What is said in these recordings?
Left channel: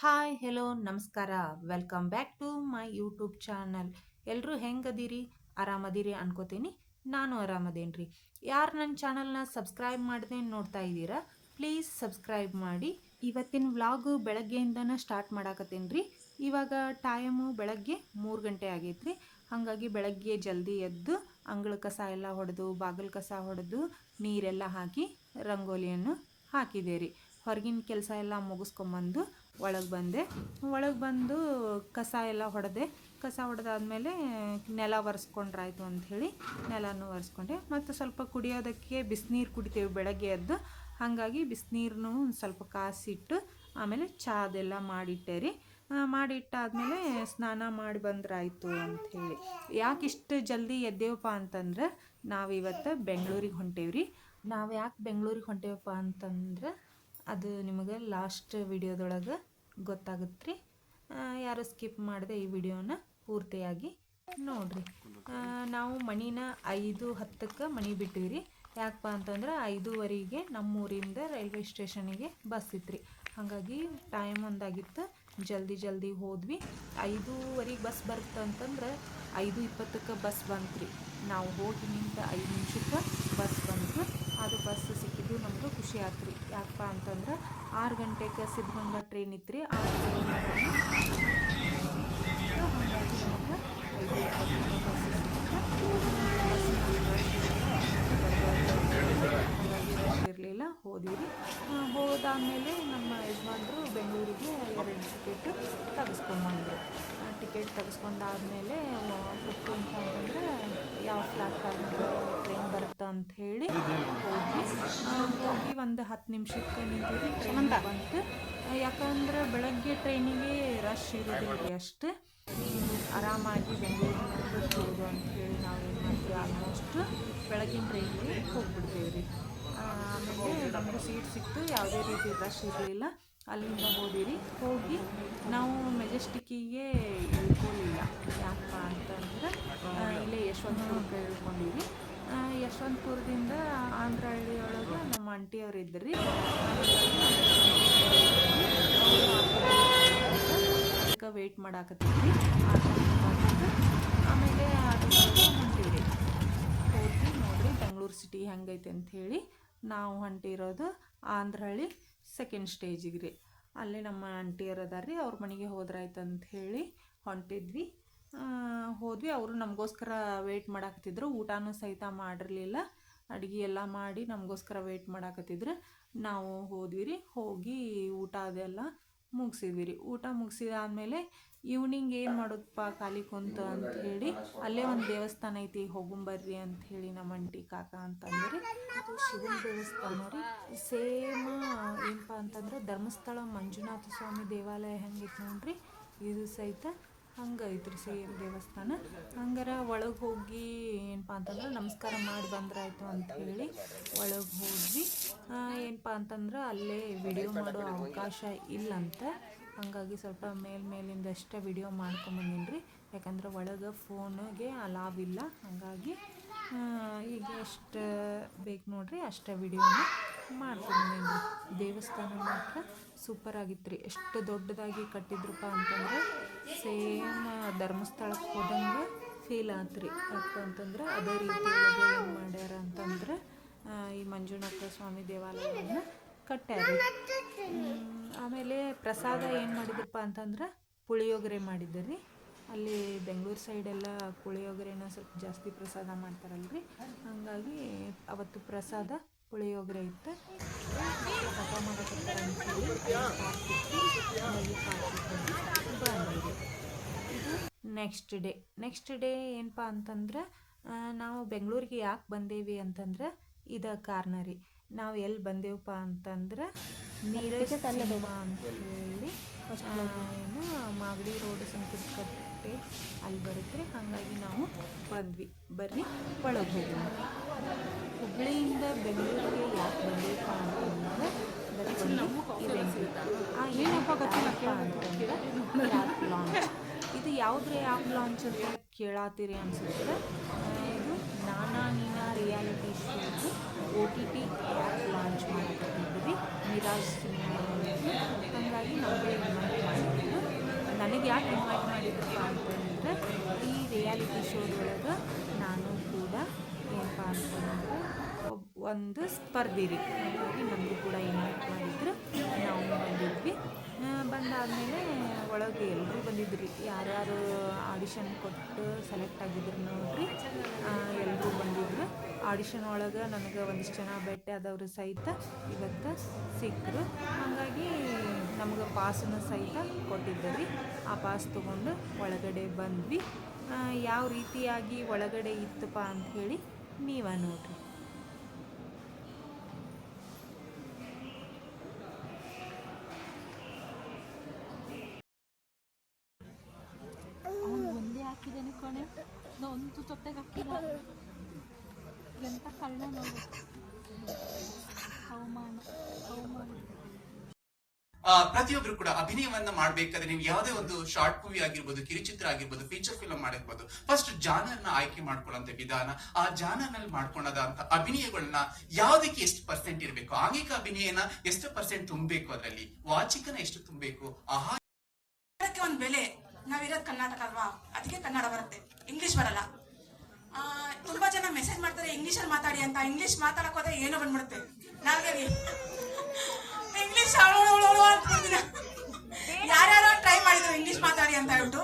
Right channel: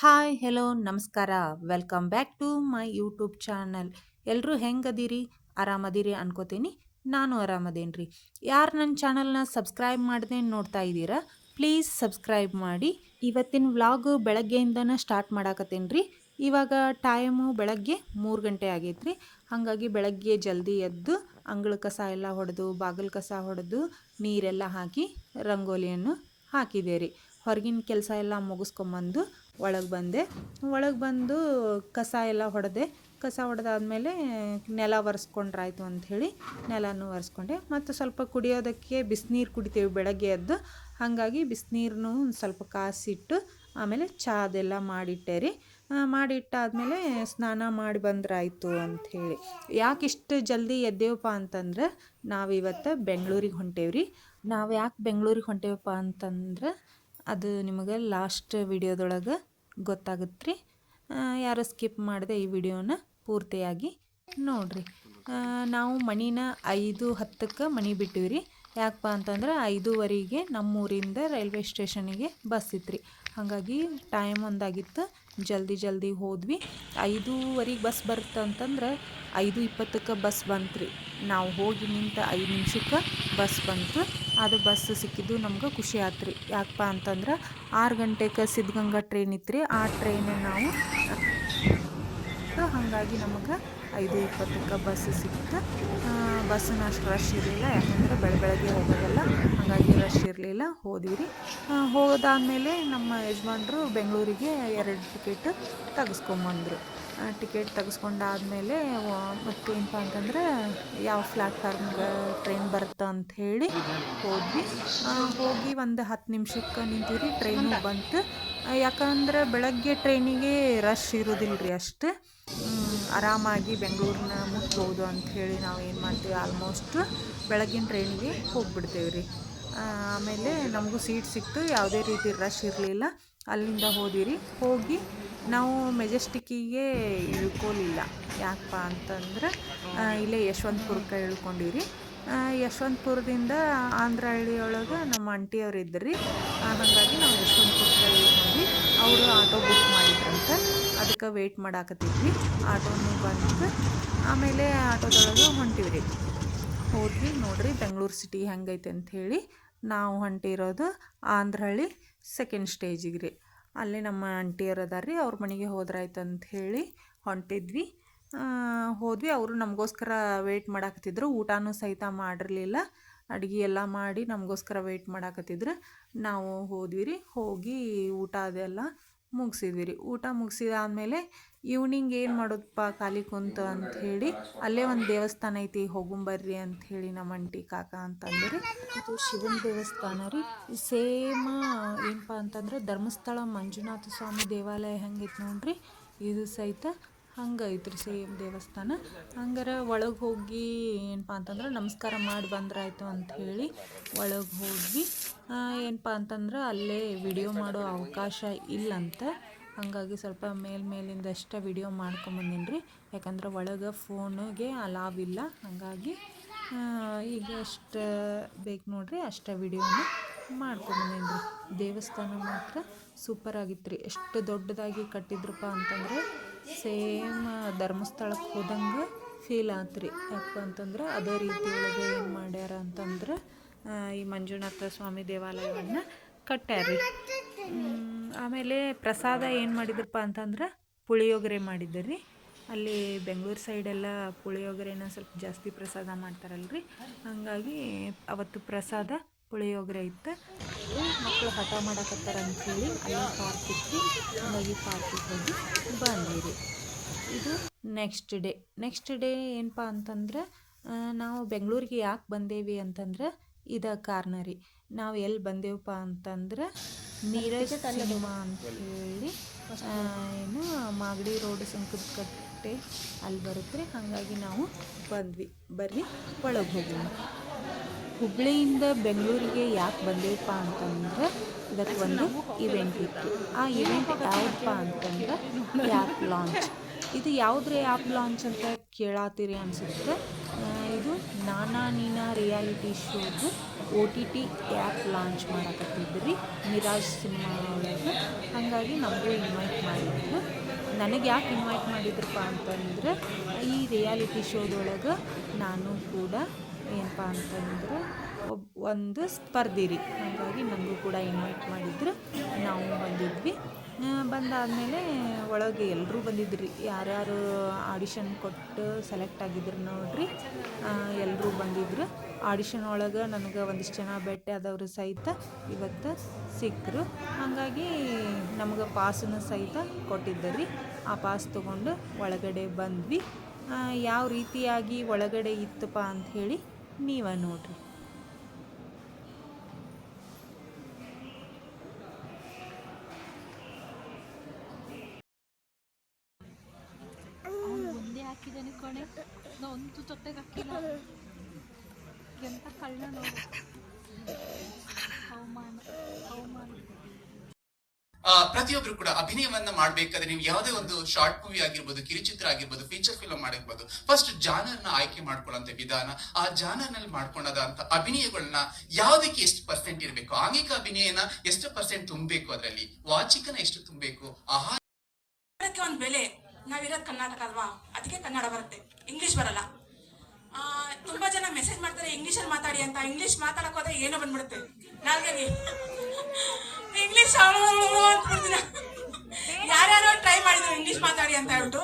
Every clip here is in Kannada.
ಹಾಯ್, ಹೆಲೋ, ನಮಸ್ಕಾರ. Welcome back to my YouTube channel. ಎಲ್ಲರೂ ಹೆಂಗದೀರಿ? ಆರಾಮದಿರಿ ಅನ್ಕೋತೀನಿ. ನಾನು ಆರಾಮದೇನ್ರಿ. ರೀ ಯಾರು ನನ್ನ ಚಾನಲ್ನ ಸಬ್ಸ್ಕ್ರೈಬ್ ಮಾಡದೆ ನೋಡ್ತಾ ಇದ್ದೀರಾ? ಪ್ಲೀಸ್ ಸಬ್ಸ್ಕ್ರೈಬ್ ಮಾಡಿ. ಇವತ್ತಿನ ವ್ಲಾಗ್ ಬೆಳಗ್ಗೆಯಿಂದನೇ ಸ್ಟಾರ್ಟ್ ಮಾಡಾಕತ್ತೇನೆ ರೀ ಇವಾಗ ಟೈಮು ಬೆಳಗ್ಗೆ ಮೂರು ಗಂಟೆ ಆಗೈತೆ ರೀ ಹಾಗಾಗಿ ಬೆಳಗ್ಗೆ ಜಲ್ದಿ ಎದ್ದು ಅಂಗಳ ಕಸ ಎಲ್ಲ ಹೊಡೆದು, ಬಾಗಿಲು ಕಸ ಹೊಡೆದು, ನೀರೆಲ್ಲ ಹಾಕಿ ರಂಗೋಲಿಯನ್ನು ಹಾಕಿದೆ ರೀ ಹೊರಗಿನ ಕೆಲಸ ಎಲ್ಲ ಮುಗಿಸ್ಕೊಂಬಂದು ಒಳಗೆ ಬಂದೆ. ಒಳಗೆ ಬಂದು ಕಸ ಎಲ್ಲ ಹೊಡೆದೆ. ಕಸ ಹೊಡೆದಾದ್ಮೇಲೆ ನೆಲ ಒರೆಸ್ಕೊಂಡ್ರಾಯ್ತು ಅಂಥೇಳಿ ನೆಲನೂ ಒರೆಸ್ಕೊಂಡೆ. ಮತ್ತು ಸ್ವಲ್ಪ ಕುಡಿಯೋದಕ್ಕೆ ಬಿಸಿನೀರು ಕುಡಿತೇವೆ ಬೆಳಗ್ಗೆ ಎದ್ದು. ಹಾಗಾಗಿ ಬಿಸಿನೀರನ್ನು ಒಂದು ಸ್ವಲ್ಪ ಕಾಸಿಟ್ಟು ಆಮೇಲೆ ಚಾದೆಲ್ಲ ಮಾಡಿಟ್ಟೆ ರೀ. ಮಾಡಿಟ್ಟಾದಮೇಲೆ ಸ್ನಾನ ಮಾಡಿ ಬಂದ್ರಾಯ್ತು ಅಂಥೇಳಿ ಯಾಕೆ ಇಷ್ಟು ಜಲ್ದಿ ಎದ್ದೇವಪ್ಪ ಅಂತಂದ್ರೆ ನಾವು ನಾವಿವತ್ತು ಬೆಂಗಳೂರಿಗೆ ಹೊಂಟೇವ್ರಿ ನಾವು ಯಾಕೆ ಬೆಂಗಳೂರಿಗೆ ಹೊಂಟೇವಪ್ಪ ಅಂತಂದ್ರೆ ಅದು ನಿಮಗೆ ಲಾಸ್ಟ್ ವಿಡಿಯೋದೊಳಗೆ ಗೊತ್ತಾಗುತ್ತೆ ರೀ ಯಾರು ಸ್ಕಿಪ್ ಮಾಡಿದೆ ಈ ವಿಡಿಯೋನ ಪೂರ್ತಿಯಾಗಿ ನೋಡಿರಿ. ನಾವು ಮಣಿನ ಐದು ಹತ್ತಕ್ಕೆ ಮಣಿ ಬಿಟ್ಟಿವಿ ರೀ ಯಾಕಪ್ಪ ಅಂತಂದ್ರೆ ಐದೂವರೆಗೆ ನಮ್ಮೂರಿಂದ ರೈಲ್ವೆ ಸ್ಟೇಷನಿಗೆ ಬಸ್ ಇತ್ತು ರೀ ಹಾಗಾಗಿ ಟೈಮ್ ಒಂದಾಗಿತ್ತು. ಜಲ್ದಿ ಜಲ್ದಿ ಹೋದ್ವಿ. ಐದೂವರೆಗೆ ಬಸ್ ಬರುತ್ತೆ ಅಂತಂದ್ರೆ ಐದು ಇಪ್ಪತ್ತಕ್ಕೆ ಬಸ್ ಬಂತು ರೀ ನಾವು ಹೋಗಿ ನಿಂತ ಐದು ನಿಮಿಷಕ್ಕೆ ಬಸ್ ಬಂತು. ಅದು ಬಸ್ ಸಿಕ್ಕಿದ್ದು ನಮ್ಗೆ ಖುಷಿ ಆಯ್ತು ರೀ ಯಾಕಪ್ಪ ಅಂತಂದ್ರೆ ಆರು ಗಂಟೆಗೆ ಸಿದ್ಧಗಂಗಾ ಟ್ರೈನ್ ಇತ್ತು ರೀ ಆ ಟ್ರೈನ್ ನಾವು ಹಾಗಾಗಿ ನಮಗೆ ಐದು ಇಪ್ಪತ್ತಕ್ಕೆ ಬಸ್ ಸಿಕ್ತು ಬಸ್ಸಿನ ಅಷ್ಟು ರಶ್ ಇರಲಿಲ್ಲ. ಯಾಕಂದರೆ ಬೆಳೆ ಬೆಳಗ್ಗೆ ಹೋಗೋದಲ್ಲ. ಹಾಗಾಗಿ ರಶ್ ಇರಲಿಲ್ಲ. ಹೋದ್ವಿ ರೀ ಹೋದಾದಮೇಲೆ ನಮ್ಮ ಯಜಮಾನ್ರು ಬೆಂಗಳೂರಿಗೆ ಎರಡು ಟಿಕೆಟ್ ತೆಗೆಸ್ಕೊಂಬಂದರು ಟಿಕೆಟ್ ತೆಗೆಸ್ಕೊಂಡಾದಮೇಲೆ ಮತ್ತೆ ಏನಪ್ಪ ಅಂತಂದ್ರೆ ಯಾವ ಪ್ಲ್ಯಾಟ್ಫಾರ್ಮ್ಗೆ ಟ್ರೈನ್ ಬರುತ್ತೆ ಅಂತ ಹೇಳಿ ಹೋದ್ವಿ. ಹೋಗಿ ಒಂದು ಹತ್ತು ನಿಮಿಷಕ್ಕೆ ನಿಂತೀವಿ ಟ್ರೈನ್ ಬಂತು. ಯಾಕಂದ್ರೆ ಬೆಳಗ್ಗೆ ಟ್ರೈನಿಗೆ ರಶ್ ಇರೋದಿಲ್ಲ ರೀ ಅಷ್ಟು. ಆರಾಮಾಗಿ ಬೆಂಗಳೂರನ್ನ ಮುಟ್ಬೋದು ಹೇಳಿ ನಾವು ಏನು ಮಾಡ್ತೀವಿ ಆಲ್ಮೋಸ್ಟ್ ಬೆಳಗಿನ ಟ್ರೈನಿಗೆ ಹೋಗ್ಬಿಡ್ತೇವೆ ರೀ ಆಮೇಲೆ ನಮಗೂ ಸೀಟ್ ಸಿಕ್ತು, ಯಾವುದೇ ರೀತಿ ರಶ್ ಇರಲಿಲ್ಲ. ಅಲ್ಲಿಂದ ಹೋದಿರಿ, ಹೋಗಿ ನಾವು ಮೆಜೆಸ್ಟಿಕ್ಕಿಗೆ ಇಳ್ಕೊಲಿಲ್ಲ. ಯಾಕಪ್ಪ ಅಂತಂದ್ರೆ ಇಲ್ಲೇ ಯಶವಂತಪುರಕ್ಕೆ ಇಳ್ಕೊಂಡಿರಿ. ಯಶವಂತಪುರದಿಂದ ಆಂಧ್ರ ಹಳ್ಳಿಯೊಳಗೆ ನಮ್ಮ ಆಂಟಿಯವ್ರು ಇದ್ದರು ಹಾಗಾಗಿ ನಾವು ಯಶವಂತಪುರಕ್ಕೆ ಅವರು ಆಟೋ ಬುಕ್ ಮಾಡಿದ್ರಂತೆ ಅದಕ್ಕೆ ವೆಯ್ಟ್ ಮಾಡಾಕತ್ತಿದ್ವಿ. ಆಟೋ ಬಂದು ಆಮೇಲೆ ಆಟೋದೊಳಗೆ ಹೊಂಟಿವಿ ರೀ ಹೋದ್ವಿ, ನೋಡ್ರಿ ಬೆಂಗಳೂರು ಸಿಟಿ ಹೆಂಗೈತೆ ಅಂಥೇಳಿ ನಾವು ಹೊಂಟಿರೋದು ಆಂಧ್ರಹಳ್ಳಿ ಸೆಕೆಂಡ್ ಸ್ಟೇಜಿಗೆ ರೀ. ಅಲ್ಲಿ ನಮ್ಮ ಆಂಟಿಯರು ಅದಾರ ರೀ, ಅವ್ರ ಮನೆಗೆ ಹೋದ್ರಾಯ್ತು ಅಂತ ಹೇಳಿ ಹೊಂಟಿದ್ವಿ. ಹೋದ್ವಿ. ಅವರು ನಮಗೋಸ್ಕರ ವೆಯ್ಟ್ ಮಾಡಾಕತ್ತಿದ್ರು. ಊಟನೂ ಸಹಿತ ಮಾಡಿರಲಿಲ್ಲ. ಅಡುಗೆ ಎಲ್ಲ ಮಾಡಿ ನಮಗೋಸ್ಕರ ವೆಯ್ಟ್ ಮಾಡಾಕತ್ತಿದ್ರು. ನಾವು ಹೋದ್ವಿ ರೀ. ಹೋಗಿ ಊಟ ಅದೆಲ್ಲ ಮುಗಿಸಿದ್ವಿ ರೀ ಊಟ ಮುಗಿಸಿದಾದ್ಮೇಲೆ ಈವ್ನಿಂಗ್ ಏನು ಮಾಡೋದಪ್ಪ ಖಾಲಿ ಕುಂತ ಅಂತ ಹೇಳಿ, ಅಲ್ಲೇ ಒಂದು ದೇವಸ್ಥಾನ ಐತಿ ಹೋಗುಂಬರ್ರಿ ಅಂತ ಹೇಳಿ ನಮ್ಮ ಅಂಟಿ ಕಾಕ ಅಂತಂದರೆ ಇದು ಶಿವನ ದೇವಸ್ಥಾನ ರೀ. ಸೇಮ್ ಏನಪ್ಪ ಅಂತಂದ್ರೆ ಧರ್ಮಸ್ಥಳ ಮಂಜುನಾಥ ಸ್ವಾಮಿ ದೇವಾಲಯ ಹೆಂಗೈತೆ ನೋಡ್ರಿ, ಇದು ಸಹಿತ ಹಂಗೆ ಐತ್ರಿ ಸೇಮ್ ದೇವಸ್ಥಾನ. ಹಂಗಾರ ಒಳಗೆ ಹೋಗಿ ಏನಪ್ಪ ಅಂತಂದ್ರೆ ನಮಸ್ಕಾರ ಮಾಡಿ ಬಂದ್ರಾಯ್ತು ಅಂತ ಹೇಳಿ ಒಳಗೆ ಹೋಗಿ ಏನಪ್ಪ ಅಂತಂದ್ರೆ ಅಲ್ಲೇ ವಿಡಿಯೋ ಮಾಡೋ ಅವಕಾಶ ಇಲ್ಲಂತ ಹಾಗಾಗಿ ಸ್ವಲ್ಪ ಮೇಲ್ಮೇಲಿಂದ ಅಷ್ಟೇ ವಿಡಿಯೋ ಮಾಡ್ಕೊಂಬಂದಿನಿ ರೀ ಯಾಕಂದ್ರೆ ಒಳಗೆ ಫೋನಿಗೆ ಅಲಾವ್ ಇಲ್ಲ. ಹಾಗಾಗಿ ಈಗ ಎಷ್ಟು ಬೇಕು ನೋಡಿರಿ ಅಷ್ಟೇ ವಿಡಿಯೋನ ಮಾಡ್ಕೊಂಬಂದಿನಿ ರೀ ದೇವಸ್ಥಾನ ಮಾತ್ರ ಸೂಪರ್ ಆಗಿತ್ತು ರೀ ಎಷ್ಟು ದೊಡ್ಡದಾಗಿ ಕಟ್ಟಿದ್ರಪ್ಪ ಅಂತಂದ್ರೆ ಸೇಮ್ ಧರ್ಮಸ್ಥಳಕ್ಕೆ ಹೋದಂಗೆ ಫೀಲ್ ಆತ್ರಿ. ರೀ ಯಾಕಪ್ಪ ಅಂತಂದ್ರೆ ಅದೇ ರೀತಿ ಏನು ಮಾಡ್ಯಾರ ಅಂತಂದ್ರೆ ಈ ಮಂಜುನಾಥ ಸ್ವಾಮಿ ದೇವಾಲಯವನ್ನು ಕಟ್ಟ್ಯಾರಿ ಆಮೇಲೆ ಪ್ರಸಾದ ಏನು ಮಾಡಿದ್ರಪ್ಪ ಅಂತಂದ್ರೆ ಪುಳಿಯೋಗರೆ ರೀ ಅಲ್ಲಿ ಬೆಂಗಳೂರು ಸೈಡೆಲ್ಲ ಪುಳಿಯೋಗರೆನ ಸ್ವಲ್ಪ ಜಾಸ್ತಿ ಪ್ರಸಾದ ಮಾಡ್ತಾರಲ್ರಿ. ಹಾಗಾಗಿ ಅವತ್ತು ಪ್ರಸಾದ ಪುಳಿಯೋಗರೆ ಇತ್ತು. ಮಕ್ಕಳು ಹಠ ಮಾಡಕತ್ತಾರ ಅಂಥೇಳಿ ಅಲ್ಲಿ ಪಾರ್ಕ್ ಇತ್ತು ಹಾಗಾಗಿ ಪಾರ್ಕಿಗೆ ಹೋಗಿ ಬಂದ್ವಿ ಇದು ನೆಕ್ಸ್ಟ್ ಡೇ ನೆಕ್ಸ್ಟ್ ಡೇ ಏನಪ್ಪ ಅಂತಂದ್ರೆ ನಾವು ಬೆಂಗಳೂರಿಗೆ ಯಾಕೆ ಬಂದೇವಿ ಅಂತಂದ್ರೆ ಇದ ಕಾರಣ ರೀ. ನಾವು ಎಲ್ಲಿ ಬಂದೇವಪ್ಪ ಅಂತಂದ್ರೆ ನೀರಜ್ ಸಿನಿಮಾ ಅಂತ ಹೇಳಿ ಏನು ಮಾಗಡಿ ರೋಡ್ ಕಟ್ಟೆ ಅಲ್ಲಿ ಬರುತ್ತೆ ಹಾಗಾಗಿ ನಾವು ಬಂದ್ವಿ. ಬರ್ರಿ ಒಳಗೆ ಹೋಗೋಣ. ಹುಬ್ಬಳ್ಳಿಯಿಂದ ಬೆಂಗಳೂರಿಗೆ ಯಾಕೆ ಬಂದಿಲ್ಲಪ್ಪ ಅಂತಂದ್ರೆ ಇದಕ್ಕೆ ಒಂದು ಇವೆಂಟ್ ಇತ್ತು. ಆ ಇವೆಂಟ್ ಯಾವಪ್ಪ ಅಂತಂದ್ರೆ ಆ್ಯಪ್ ಲಾಂಚ್ ಇದು ಯಾವುದ್ರ ಆ್ಯಪ್ ಲಾಂಚ್ ಅಂತ ಕೇಳಾತೀರಿ ಅನಿಸುತ್ತೆ. ಇದು ನಾನಾ ನೀನಾ reality ಶೋದು O T T app launch ಮಾಡಕತ್ತಿದ್ವಿ Miraj cinema ಹಾಗಾಗಿ ನಮಗೂ ಇನ್ವೈಟ್ ನನಗೆ ಯಾಕೆ ಇನ್ವೈಟ್ ಮಾಡಿದ್ರಪ್ಪ ಅಂತಂದ್ರೆ ಈ ರಿಯಾಲಿಟಿ ಶೋದೊಳಗೆ ನಾನು ಕೂಡ ಏನಪ್ಪ ಅಂತಂದರೆ, ಒಬ್, ಒಂದು ಸ್ಪರ್ಧೆ ರೀ ಹಾಗಾಗಿ ನಮಗೆ ಕೂಡ ಇನ್ವೈಟ್ ಮಾಡಿದ್ರು ನಾವು ಬಂದಿದ್ವಿ. ಬಂದಾದಮೇಲೆ ಒಳಗೆ ಎಲ್ಲರೂ ಬಂದಿದ್ರು. ರೀ ಯಾರ್ಯಾರು ಆಡಿಷನ್ ಕೊಟ್ಟು ಸೆಲೆಕ್ಟ್ ಆಗಿದ್ರು ನೋಡ್ರಿ. ಎಲ್ಲರೂ ಬಂದಿದ್ರು. ಆಡಿಷನ್ ಒಳಗೆ ನನಗೆ ಒಂದಿಷ್ಟು ಜನ ಭೇಟಿ ಆದವರು ಸಹಿತ ಇವತ್ತು ಸಿಕ್ಕರು ಹಾಗಾಗಿ ನಮಗೆ ಪಾಸನ್ನ ಸಹಿತ ಕೊಟ್ಟಿದ್ದರು. ಆ ಪಾಸ್ ತೊಗೊಂಡು ಒಳಗಡೆ ಬಂದ್ವಿ. ಯಾವ ರೀತಿಯಾಗಿ ಒಳಗಡೆ ಇತ್ತಪ್ಪ ಅಂಥೇಳಿ ನೀವೇ ನೋಡ್ರಿ ಅವ್ನು ಒಂದೇ ಹಾಕಿದ್ದೇನೆ ಕಣೆ ನಾ ಒಂದು ಜೊತೆಗೆ ಹಾಕಿಲ್ಲ ಎಂತ ಕಳ್ಳ ನೋಡು. ಅವಮಾನ ಅವಮಾನ ಆ, ಪ್ರತಿಯೊಬ್ರು ಕೂಡ ಅಭಿನಯವನ್ನ ಮಾಡ್ಬೇಕಾದ್ರೆ ನೀವು ಯಾವುದೇ ಒಂದು ಶಾರ್ಟ್ ಮೂವಿ ಆಗಿರ್ಬೋದು, ಕಿರುಚಿತ್ರ ಆಗಿರ್ಬೋದು ಫೀಚರ್ ಫಿಲ್ಮ್ ಮಾಡಿರ್ಬೋದು ಫಸ್ಟ್ ಜಾನರ್ ಆಯ್ಕೆ ಮಾಡ್ಕೊಳ್ಳುವಂತ ವಿಧಾನ, ಆ ಜಾನರ್ನಲ್ಲಿ ಮಾಡ್ಕೊಂಡದಂತ ಅಭಿನಯಗಳನ್ನ ಯಾವ್ದಕ್ಕೆ ಎಷ್ಟು ಪರ್ಸೆಂಟ್ ಇರಬೇಕು, ಆಂಗಿಕ ಅಭಿನಯನ ಎಷ್ಟು ಪರ್ಸೆಂಟ್ ತುಂಬಬೇಕು ಅದರಲ್ಲಿ, ವಾಚಿಕನ ಎಷ್ಟು ತುಂಬಬೇಕು ಆಹಾ ಕನ್ನಡಕ್ಕೆ ಒಂದು ಬೆಲೆ, ನಾವಿರೋದು ಕರ್ನಾಟಕ ಅಲ್ವಾ? ಅದಕ್ಕೆ ಕನ್ನಡ ಬರುತ್ತೆ ಇಂಗ್ಲಿಷ್ ಬರಲ್ಲ. ತುಂಬಾ ಜನ ಮೆಸೇಜ್ ಮಾಡ್ತಾರೆ ಇಂಗ್ಲಿಷಲ್ಲಿ ಮಾತಾಡಿ ಅಂತ ಇಂಗ್ಲಿಷ್ ಮಾತಾಡಕ್ ಹೋದ್ರೆ ಏನೋ ಬಂದ್ಬಿಡುತ್ತೆ. ನಾವೇನಿ ಇಂಗ್ಲಿಷ್ ಅಂದ್ಬಿಡ್ತೀನ ಯಾರ್ಯಾರೋ ಟ್ರೈ ಮಾಡಿದ್ರು ಇಂಗ್ಲಿಷ್ ಮಾತಾಡಿ ಅಂತ ಹೇಳ್ಬಿಟ್ಟು.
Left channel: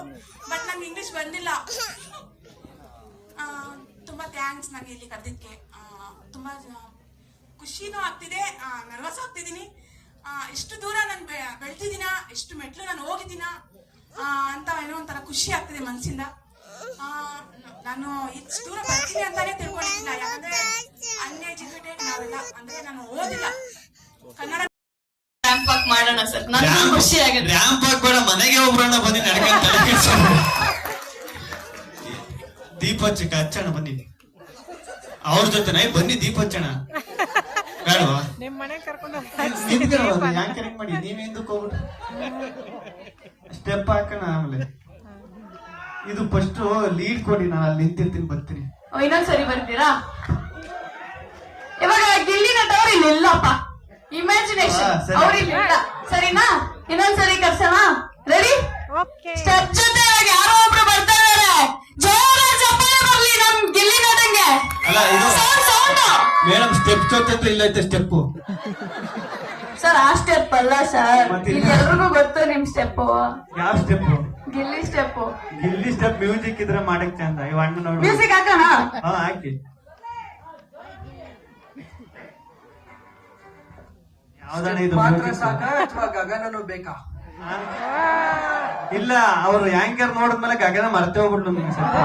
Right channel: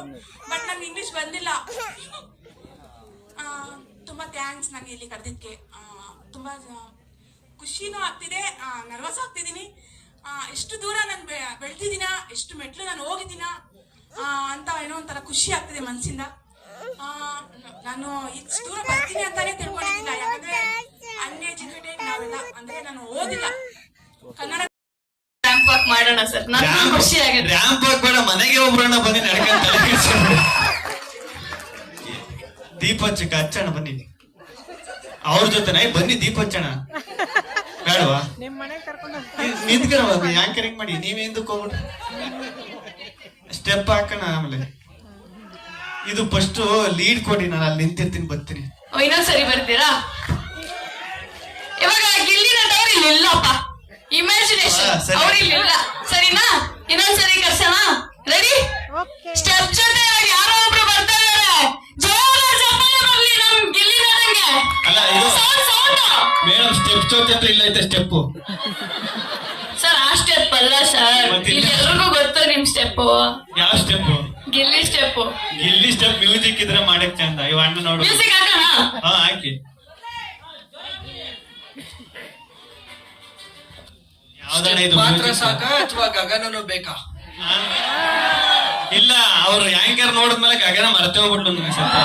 ಬಟ್ ನಮ್ಗೆ ಇಂಗ್ಲಿಷ್ ಬಂದಿಲ್ಲ. ತುಂಬಾ ಥ್ಯಾಂಕ್ಸ್ ನನಗೆ ಇಲ್ಲಿ ಕರೆದಿದ್ದಕ್ಕೆ. ತುಂಬಾ ಖುಷಿನೂ ಆಗ್ತಿದೆ. ನರ್ವಸ್ ಆಗ್ತಿದ್ದೀನಿ. ಎಷ್ಟು ದೂರ ನಾನು ಬೆಳೆದಿದ್ದೀನ? ಎಷ್ಟು ಮೆಟ್ಲು ನಾನು ಹೋಗಿದ್ದೀನ? ಅಂತ ಏನೋ ಒಂಥರ ಖುಷಿ ಆಗ್ತಿದೆ ಮನಸ್ಸಿಂದ ನಾನು ಇಷ್ಟು ದೂರ ಬರ್ತೀನಿ ಅಂತಾನೆ ತಿಳ್ಕೊಂಡಿದ್ದಿಲ್ಲ. ಯಾಕಂದ್ರೆ ಅನ್ಎಜುಕೇಟೆಡ್ ನಾವೆಲ್ಲ ಅಂದ್ರೆ ನಾನು ಓದಿಲ್ಲ. ಕನ್ನಡ ರ್ಯಾಂಪ್ ಮಾಡೋಣ ಸರ್ ನನಗೆ ಖುಷಿ ಆಗಿದೆ ರ್ಯಾಂಪ್ ಬೇಡ ಮನೆಗೆ ಬನ್ನಿ ದೀಪ ಹಚ್ಚಕ ಹಚ್ಚಣ ಬನ್ನಿ. ಅವ್ರ ಜೊತೆನ ಬನ್ನಿ ದೀಪ ಹಚ್ಚಣ. ಬೇಡವಾ? ನಿಮ್ಮ ಕರ್ಕೊಂಡು ನಿಂತ್ಕರ ಆಂಕರಿಂಗ್ ಮಾಡಿ? ನೀವೇಂದಕ್ಕೆ ಹೋಗ್ಬಿಟ್ರಿ? ಸ್ಟೆಪ್ ಹಾಕೋಣ ಆಮೇಲೆ. ಇದು ಫಸ್ಟ್ ಲೀಡ್ ಕೊಡಿ ನಾನು ಅಲ್ಲಿ ನಿಂತಿರ್ತೀನಿ ಬರ್ತೀನಿ. ಓ, ಇನ್ನೊಂದ್ಸರಿ ಬರ್ತೀರಾ? ಇವಾಗ ಗಿಲ್ಲಿನ ಟವರ್ ಇಲ್ಲಿ ಇಲ್ಲಪ್ಪ ಇಮ್ಯಾಜಿನೇಷನ್ ಹಾ, ಸರಿ. ಅವ್ರು ಇಲ್ಲಿ ಇಲ್ಲ. ಸರಿನಾ? ಇನ್ನೊಂದ್ಸರಿ ಕರ್ಸೋಣ? ರೆಡಿ ಸ್ಟೆಪ್ ಜೊತೆ ಇವಾಗ ಯಾರೋ ಒಬ್ರು ಬರ್ತಾ ಇದಾರೆ. ಚಪ್ಪಾಳೆ ಬರ್ಲಿ ನಮ್ ಗಿಲ್ಲಿ ನಟಂಗೆ. ಅಲ್ಲ ಇದು ಸೌಂಡ್ ಸೌಂಡ್ ಮೇಡಮ್ ಸ್ಟೆಪ್ ಜೊತೆ ಇಲ್ಲ ಐತೆ ಸ್ಟೆಪ್ ಸರ್ ಆ ಸ್ಟೆಪ್ ಅಲ್ಲ ಸರ್. ಎಲ್ಲರಿಗೂ ಗೊತ್ತು ನಿಮ್ ಸ್ಟೆಪ್ ಯಾವ step step Gilli step music ಇದ್ರೆ ಮಾಡಕ್ ಚಂದ. ಇವ್ ಅಣ್ಣ ನೋಡು. ಮ್ಯೂಸಿಕ್ ಹಾಕೋಣ? ಹಾ ಹಾಕಿ. ಯಾವ್ದಣ್ಣ ಇದು ಮಾತ್ರ music? ಸಾಕ ಅಥವಾ ಗಗನನು ಬೇಕಾ? ಇಲ್ಲ ಅವ್ರು ಯಾಂಕರ್ ನೋಡಿದ್ಮೇಲೆ ಗಗನ ಮರ್ತೇ ಹೋಗ್ಬಿಟ್ಲು ಸ್ವಲ್ಪ.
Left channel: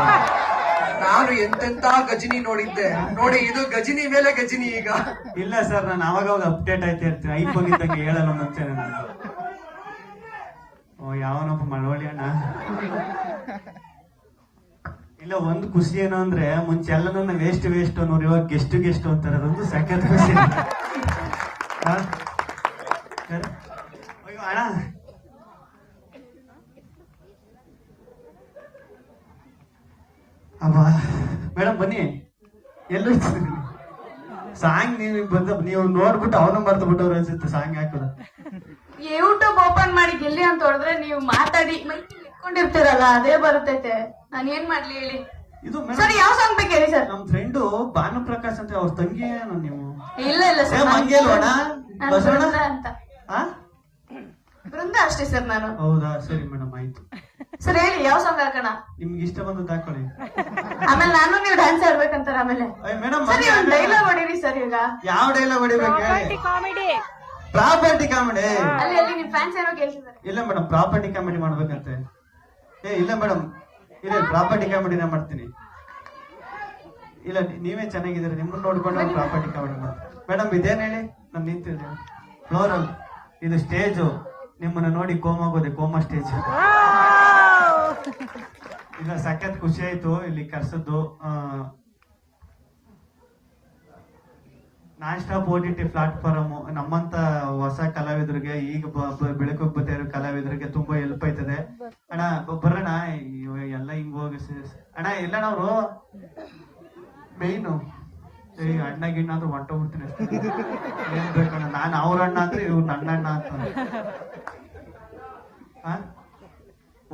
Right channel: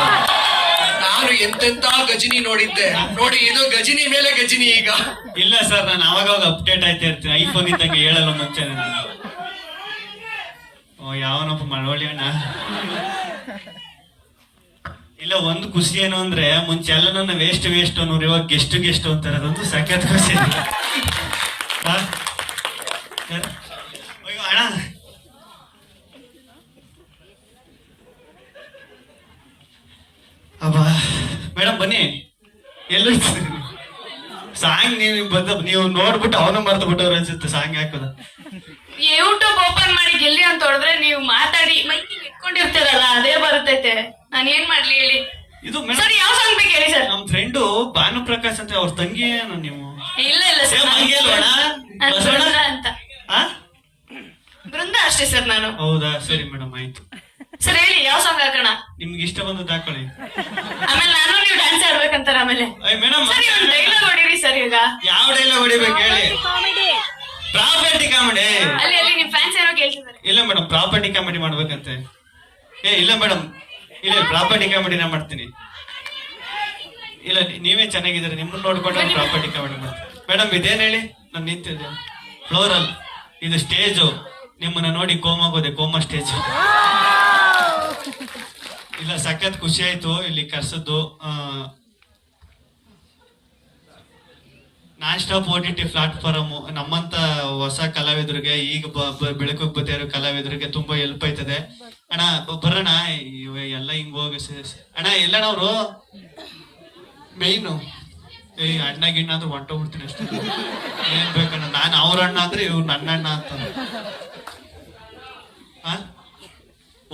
ನಾನು ಎಂತೆಂತ ಗಜಿನಿ ನೋಡಿದ್ದೆ. ನೋಡಿ ಇದು ಗಜಿನಿ ಮೇಲೆ ಗಜಿನಿ ಈಗ. ಇಲ್ಲ ಸರ್ ನಾನು ಅವಾಗ ಅಪ್ಡೇಟ್ ಆಯ್ತಾ ಇರ್ತೀನಿ. ಐಫೋನ್ ಇದ್ದಂಗೆ ಹೇಳಲ್ಲ ಮುಂಚೆ ನಾನು. ಯಾವನಪ್ಪ ಮಳವಳ್ಳಿ ಇಲ್ಲ, ಒಂದು ಖುಷಿ ಏನು ಅಂದ್ರೆ ಮುಂಚೆ ಎಲ್ಲ ನನ್ನ ವೇಸ್ಟ್ ವೇಸ್ಟ್ ಅನ್ನೋರು ಇವಾಗ ಗೆಸ್ಟ್ ಗೆಸ್ಟ್ ಅಂತಾರೆ ಅದೊಂದು ಸಖ್ಯಾತ್ ಖುಷಿ? ಅಯ್ಯೋ ಅಣ್ಣ. ಅಬ್ಬಾ. ಮೇಡಮ್ ಬನ್ನಿ. ಎಲ್ಲೂ ಬಂದ ನೀವು ನೋಡ್ಬಿಟ್ಟು ಅವನು ಮರ್ತು ಬಿಟ್ಟವ್ರ ಅನ್ಸುತ್ತೆ ಸಾಂಗ್ ಹಾಕೋದ. ಯೂಟ್ಯೂಬ್ ಓಪನ್ ಮಾಡಿ ಗೆಲ್ಲಿ ಅಂತ ಹೊಡೆದ್ರೆ ನೀವು ಮಾತಾಡಿ ಮೈಕ್ ಇಟ್ಕೊಂಡಿರ್ತೀರಲ್ಲ ಅದೇ ಬರುತ್ತೈತೆ. ನಾನು ಏನ್ ಮಾಡ್ಲಿ ಹೇಳಿ? ಇದು ಸರ್ ಯಾವ ಸಾಂಗ್ ಬೇಕು ಹೇಳಿ ಸರ್? ನಮ್ ಫ್ರೆಂಡು ಭಾನು ಪ್ರಕಾಶ್ ಅಂತ ಅವ್ರ ತಂಗಿ ಏನು ನೀವು? ಇಲ್ಲ ಇಲ್ಲ ಸರ್? ಬೃಂದ ಅಂತ. ಆ? ಬೃಂದ ಅಷ್ಟೇ ಸರ್ ನಾನು. ಹೌದಾ? ಸರಿ ಮೇಡಮ್ ಆಯ್ತು. ಸರ್ ಹೇಳಿ ಯಾವ ಸಾಂಗ್ ಹಾಕೋಣ? ನಿಮ್ಗೆ ಇಷ್ಟ ಬಂದು ಹಾಕೊಳ್ಳಿ. ಆಮೇಲೆ ನಾನು ನೀವು ಡ್ಯಾನ್ಸ್ ಆಡ್ಬೇಕಂತಾರ ಆಮೇಲೆ. ಮೇಡಮ್ ಸರಿ ಒಂದ್ ಡೈಲಾಗ್ ಹೊಡೀರಿ ಸರ್ ಈಗ. ಯಾವ ಡೈಲಾಗ್ ಹೊಡಿಬೇಕು ಹೇಳಿ. ಕಾಮಿಡಿ ಪ್ರಾಪರ್ಟಿ ಕಾಮಿಡಿ ಅಲ್ಲಿ ಅಲ್ಲಿ ನಿಮ್ ಫ್ಯಾನ್ಸ್ ಏನೋ ಕೇಳ್ತಿದ್ದಾರೆ. ಇಲ್ಲ ಮೇಡಮ್ ಪ್ರಾಪರ್ಟಿ ಕಾಮಿಡಿ ಮಾಡ್ಬೇಕಂತೆ. ಏ ಇಲ್ಲ ಮೇಡಮ್ ಇಲ್ಲ ಪ್ರಾಪರ್ಟಿ ಕಾಮಿಡಿನ ಮಾಡ್ತೀನಿ. ಇಲ್ಲ ನೀ- ನೀವೇ ಚೆನ್ನಾಗಿದ್ದೀರಿ. ನಿಮ್ಮನ್ನ ನೋಡ್ಕೊಂಡು ಪ್ರಾಪರ್ಟಿ ಕಾಮಿಡಿ ಮಾಡ್ತೀನಿ. ಮೇಡಮ್ ಇದೇನ್ ಹೇಳಿ? ನಾನು ನಿಂತಿದ್ದೆ. ಫ್ಲೋರಲ್ ಇದು ಸ್ಟೇಜು ನಿಮ್ಮನ್ನ ನೋಡಿ ಕೋಮಾಗೋದೆ ಕೋಮಾ ಸ್ಟೇಜ್ ಇಲ್ಲ, ಸಖತ್ ಖುಷಿ ಆಯ್ತು ಇಲ್ಲಿ ಕರ್ಸದ್ದು. Non stop O T T platform ನಮ್ಮಂತ ಹೊಸ ಕಲಾವಿದರಿಗೆ, ಈಗ ಬೆಳಕು ಬರ್ತಾ ಇರೋ ಕಲಾವಿದರಿಗೆ ತುಂಬಾ ಹೆಲ್ಪ್ ಆಯ್ತದೆ. ಅಣ್ಣ ಬರೋಣ ಎಲ್ಲ ಹಿಂಗ್ ಹೋಗಿ ಅಣ್ಣ ಎಲ್ಲಣ್ಣವ್ರು ಮೇಯ್ನು. ಏ, ಅಣ್ಣ, ಗಿಣ್ಣ ಅಂದ್ರೆ ಹೊಂಟೋಗ್ಬಿಡ್ತೀನಿ ಅಷ್ಟೇ. ಏನ್ ಬೇಕಣ್ಣ ನಾನು ಅವ್ರ ಅಣ್ಣ ಅಂದ್ರೆ ಇವ್ರು ನನ್ನ ಅಣ್ಣ ಅಂತ.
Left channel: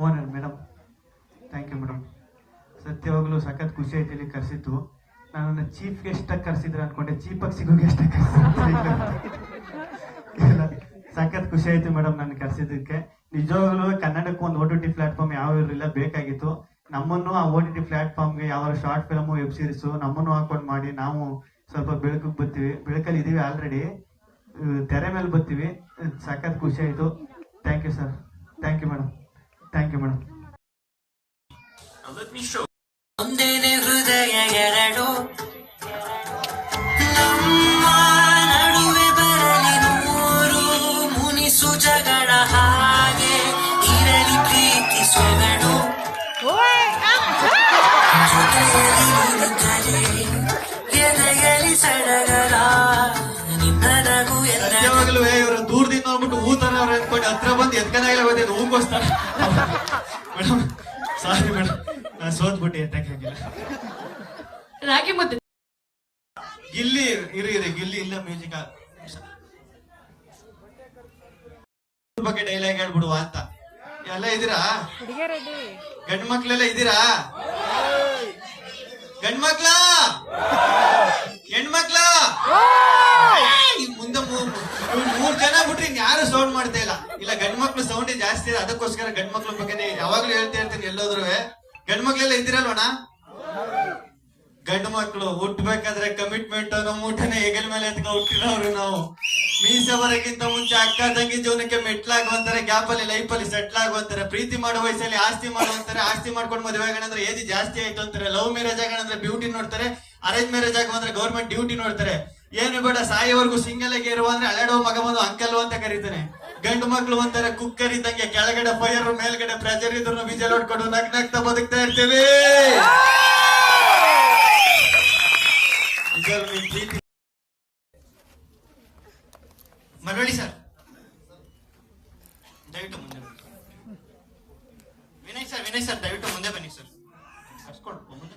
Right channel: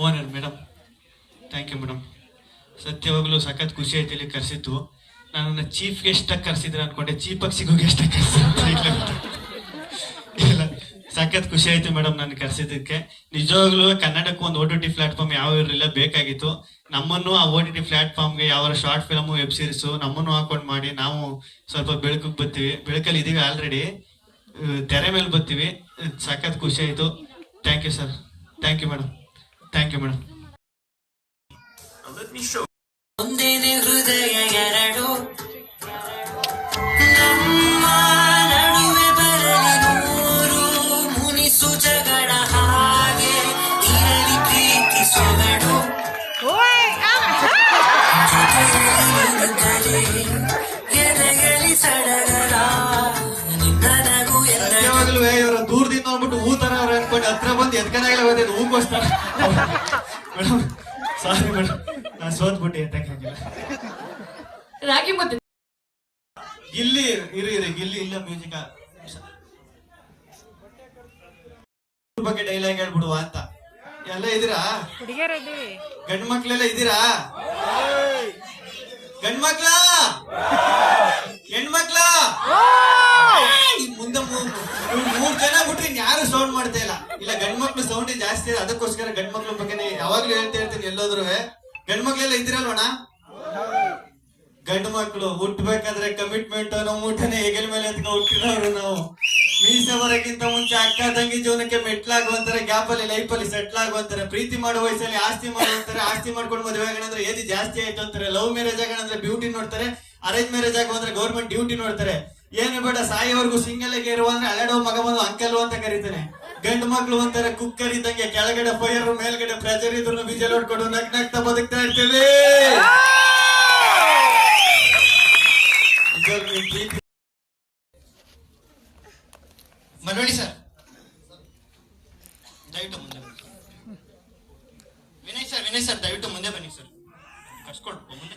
Owner madam thank you madam ಸತ್ಯವಾಗ್ಲೂ ಸಖತ್ ಖುಷಿ ಆಯ್ತು ಇಲ್ಲಿ ಕರೆಸಿದ್ದು. ನನ್ನನ್ನು ಚೀಫ್ ಗೆಸ್ಟ್ ಆಗಿ ಕರೆಸಿದ್ರೆ ಅನ್ಕೊಂಡೆ ಚೀಪಾಗಿ ಸಿಗೋ ಗೆಸ್ಟ್ ಆಗಿ ಇಲ್ಲ, ಸಖತ್ ಖುಷಿ ಆಯ್ತು ಮೇಡಮ್ ನಾನು ಕರೆಸಿದ್ದಕ್ಕೆ. ನಿಜವಾಗ್ಲೂ ಕನ್ನಡಕ್ಕೆ ಒಂದು ಓ ಟಿ ಟಿ ಪ್ಲಾಟ್ಫಾರ್ಮ್ ಯಾವ ಇರಲಿಲ್ಲ, ಬೇಕಾಗಿತ್ತು. ನಮ್ಮನ್ನು ಆ ಓ ಟಿ ಟಿ ಪ್ಲಾಟ್ಫಾರ್ಮ್ಗೆ ಯಾವ ಶಾರ್ಟ್ ಫಿಲಮು ವೆಬ್ ಸೀರೀಸು ನಮ್ಮನ್ನು ಹಾಕೊಂಡು ಮಾಡಿ ನಾವು ಸ್ವಲ್ಪ ಬೆಳಕಿಗೆ ಬರ್ತೀವಿ. ಬೆಳಕಲ್ಲಿ ಇದೀವಿ ಆಲ್ರೆಡಿ ತೆರೆ ಮೇಲೆ ಬರ್ತೀವಿ. ಸಖತ್ ಖುಷಿ ಆಯ್ತು. Thank you sir thank you madam thank you madam ಒಂದೇನೆ ಹೃದಯ ಎರಡು. ನಮ್ಮ ನಡುವೆ ಬರಲಿ ನೂರು ಮುನಿಸು ಜಗಳ ಹಾಗೆ ಇರಲಿ ಪ್ರೀತಿ ಸೆವೆಡು. ಎದೆಗಲಿ ಸಡಗರ ನಿನ್ನ ನಗು ಎಲ್ಲ ಯಾವಾಗಲೂ ಇವರು ದೂರದಿಂದ ಹೋಗ್ಬಿಟ್ಟು ಹೂ ತರ ಅವ್ರು ಅನ್ಕೊಂಡು ಹತ್ರ ಬಂದು ಎದ್ಕನಾಗಲೇ ಬಂದಿದ್ದು ಮೇಡಮ್ ಸಾರಿ ಮೇಡಮ್. ನಾನು ಸೋತ್ಬಿಟ್ಟೆ ಎತ್ತಕ್ಕಾಗಿಲ್ಲ ರಾಗಿ ಮುದ್ದೆ. ಗಿಲ್ಲಿ ಇರಿ ಇರಿ ಗಿಲ್ಲಿ ಇಲ್ಲ ಮ್ಯೂಸಿಕ್ ಬಗ್ಗೆ ಡೈಲಾಗ್ ಹೇಳ್ಬಿಡುವ ಅಂತ. ಎಲ್ಲ ಇದೀರಾ? ಹುಡುಗಿಯರದಿ ಗಂಡ್ ಮಕ್ಳೆಲ್ಲ ಇದೀರಾ? ಗಂಡ್ ಮಕ್ಳ ಹೆಣ್ಮಕ್ಳ ಈ ಮುಂದೆ ಮೂರ್ ಜನ ಬಿಟ್ರಿ ಯಾರು ಸೌಂಡ್ ಮಾಡ್ತಾ ಇಲ್ಲ. ಇಲ್ಲ ಗಂಡ್ ಮಕ್ಳು ಸೌಂಡ್ ಜಾಸ್ತಿ ಇದೆ. ಅದಕ್ಕೋಸ್ಕರ ಗಂಡ್ ಮಕ್ಳ ಬಗ್ಗೆ ಯಾವಾಗ್ಲೂ ಹೇಳ್ತಾ ಇರ್ತೀನಿ ಎಲ್ಲೋದ್ರು ಗಂಡ್ ಮಕ್ಳೆಲ್ಲ ಇದ್ದೀರಲ್ವಣ ಗಂಡು ಮಕ್ಕಳು ಹುಟ್ಟಬೇಕಾದ್ರೆ ಕಮಿಟ್ಮೆಂಟ್ ನಮ್ಮ ಊಟನೇ ಹೆಗಲ ಮೇಲೆ ಎತ್ಕೊಂಡು ಹುಟ್ಟಿರೋರು ನಾವು. ಮೀಸೆ ಮುಂಚೆ ಅಕ್ಕ ತಂಗಿ ಜೀವನಕ್ಕೆ ಮೆಟ್ಲಾಗುವಂತಾರೆ ಗ್ಯಾಪ್ ಅಲ್ಲಿ ಲೈಫ್ ಅಲ್ಲಿ ಸೆಟ್ಲ್ ಆಗುವಂತಾರೆ ಪ್ರೀತಿ ಮಾಡೋ ವಯಸ್ಸಲ್ಲಿ ಆಸ್ತಿ ಮಾಡುವಂತಾರೆ ಆಸ್ತಿ ಮಾಡ್ಕೊಂಡು ಮದುವೆ ಆಗಣಂದ್ರೆ ಏಜ್ ಜಾಸ್ತಿ ಆಯ್ತು ಅಂತಾರೆ, ಲವ್ ಮ್ಯಾರೇಜ್ ಆಗಣಂದ್ರೆ ಬ್ಯೂಟಿ ನೋಡ್ತಾರೆ ಅರೇಂಜ್ ಮ್ಯಾರೇಜ್ ಆಗುವಂದ್ರೆ ಗೌರ್ಮೆಂಟ್ ಡ್ಯೂಟಿ ನೋಡ್ತಾರೆ. ಏನು ಬೇಡ, ಸಾಯಿವರೆಗೂ ಸಿಂಗಲ್ ಆಗಿ ಇರುವ ಅಂದ್ರೆ ಅಲೆಡೋ ಮಗ ಬಂದು ಅಂಕಲ್ ಅಂತ ಕರೀತಾನೆ. ಗಂಡು ಮಕ್ಳು ಅಂತಾರೆ ಕುಕ್ಕರ್ ಇದ್ದಂಗೆ ಕೆಳಗಡೆ ಫೈರ್ ಮೇಲ್ಗಡೆ ಪ್ರೆಜರ್ ಇದ್ರು ವಿಜಲ್ ಹೊಡ್ಕೊಂಡು ನಗ್ ನಗ್ತಾ ಬದುಕ್ತಾ ಇರ್ತೀವಿ. ಮರಳಿ ಸರ್. ದಯವಿಟ್ಟು ಮುಂದೆ ವಿನಯ್ ಸರ್ ವಿನಯ್ ಸರ್, ದಯವಿಟ್ಟು ಮುಂದೆ ಬನ್ನಿ ಸರ್. ಕರ್ಸ್ಕೊಡು ಮುಂದೆ.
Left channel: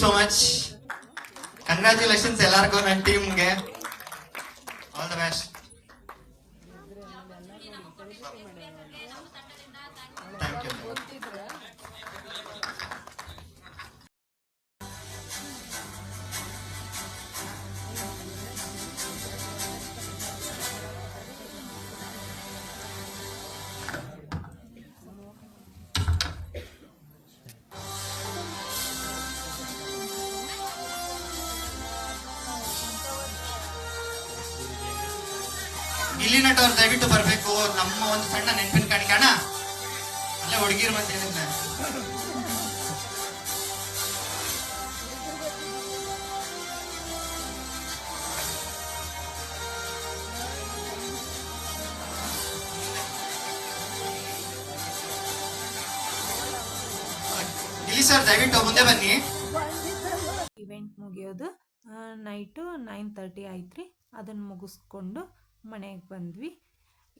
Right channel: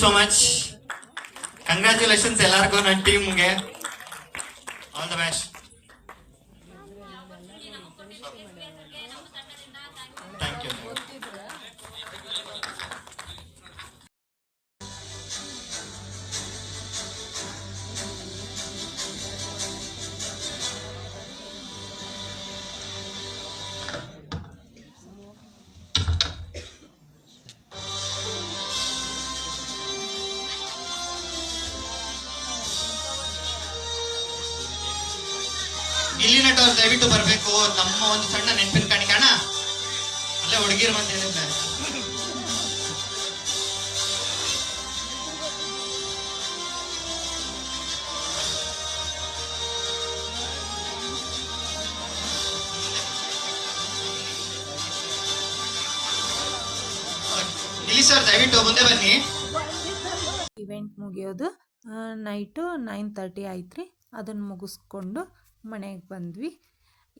Thank you so much congratulations ಎಲ್ಲರಿಗೂ ನನ್ನ ಟೀಮ್ಗೆ ಆಲ್ ದ ಯು ಗಿಲ್ಲಿ ದಯವಿಟ್ಟು ಬರಬೇಕು. ನಮ್ಮ ಒಂದು ಸಣ್ಣ ನೆನಪಿನ ಕಾಣಿಕೆ ಅಣ್ಣ ಹುಡುಗಿರ ಬಂದ ಈ ಸರ್ ದಯವಿಟ್ಟು ಮುಂದೆ ಬನ್ನಿ. ಇವೆಂಟ್ ಮುಗಿಯೋದು ನೈಟು ನೈನ್ ತರ್ಟಿ ಆಯ್ತು ರೀ ಅದನ್ನು ಮುಗಿಸ್ಕೊಂಡು ಮನೆಗೆ ಬಂದ್ವಿ.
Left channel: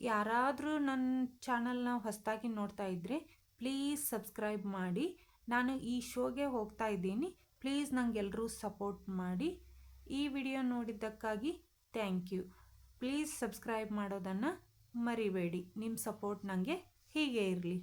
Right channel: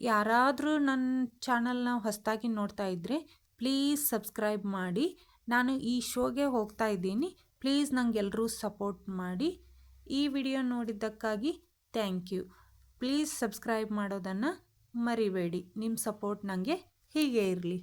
ಯಾರಾದರೂ ನನ್ನ ಚಾನಲ್ನ ಹೊಸದಾಗಿ ನೋಡ್ತಾ ಇದ್ದರೆ ಪ್ಲೀಸ್ ಸಬ್ಸ್ಕ್ರೈಬ್ ಮಾಡಿ. ನಾನು ಈ ಶೋಗೆ ಹೋಗ್ತಾ ಇದ್ದೀನಿ. ಪ್ಲೀಸ್ ನಂಗೆಲ್ಲರೂ ಸಪೋರ್ಟ್ ಮಾಡಿ. ಈ ವಿಡಿಯೋ ನೋಡಿದ್ದಕ್ಕಾಗಿ ಥ್ಯಾಂಕ್ ಯು. ಪ್ಲೀಸ್ ಸಬ್ಸ್ಕ್ರೈಬ್ ಮಾಡೋದನ್ನು ಮರಿಬೇಡಿ. ನಿಮ್ಮ ಸಪೋರ್ಟ್ ನನಗೆ ಹೀಗೆ ಇರಲಿ.